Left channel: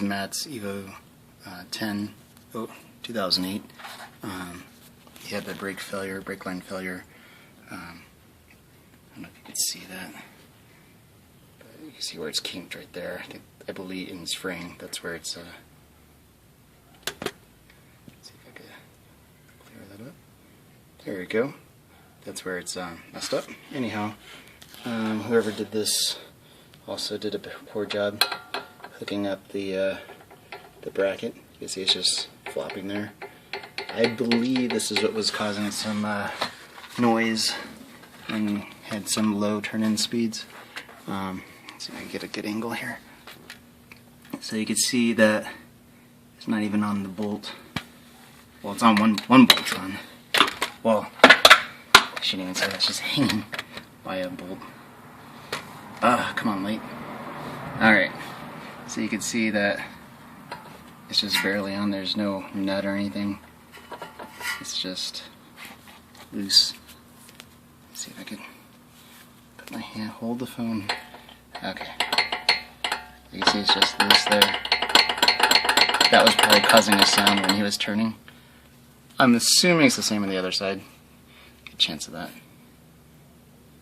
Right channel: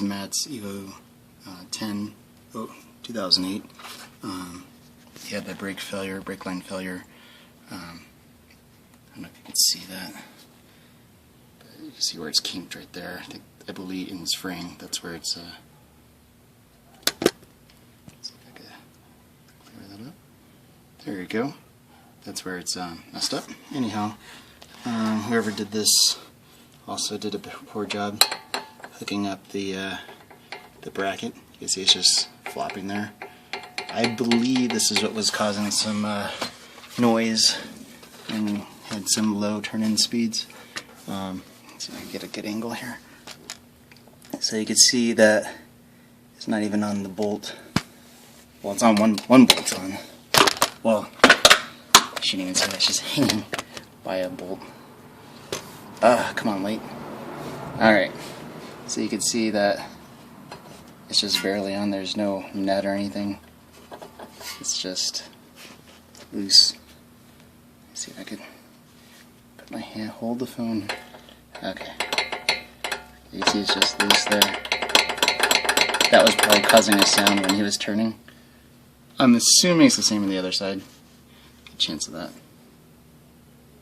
is Matt's Evo 10, 2008. He had the brake line failure. I don't know if you can see that, but you can see where it's kinked right there. I believe in the spring, that's where it's, let's see if I can clear that up. There you go. That's where it's messed up. Anyhow, whoever did this also did a poor job hooking up the bracket. You can see it's just flopping there. I believe this is what was causing some noise and had some low turn-in speeds. Let's see if I can get a good angle here. So you can see that it's not even on the bolt. Well, it's on one bolt's on. Well, I shouldn't even say that. It's just hanging by a bolt. Come on, wait. Alright. So you can see that it's just barely on. There's no nut or anything. It's just loose. Let's see if I can put my hand, hold the phone. Okay. You can see it's just loose there. That was probably causing a sound when he was turning. I'm assuming it's the same on the other side. Good chance of that.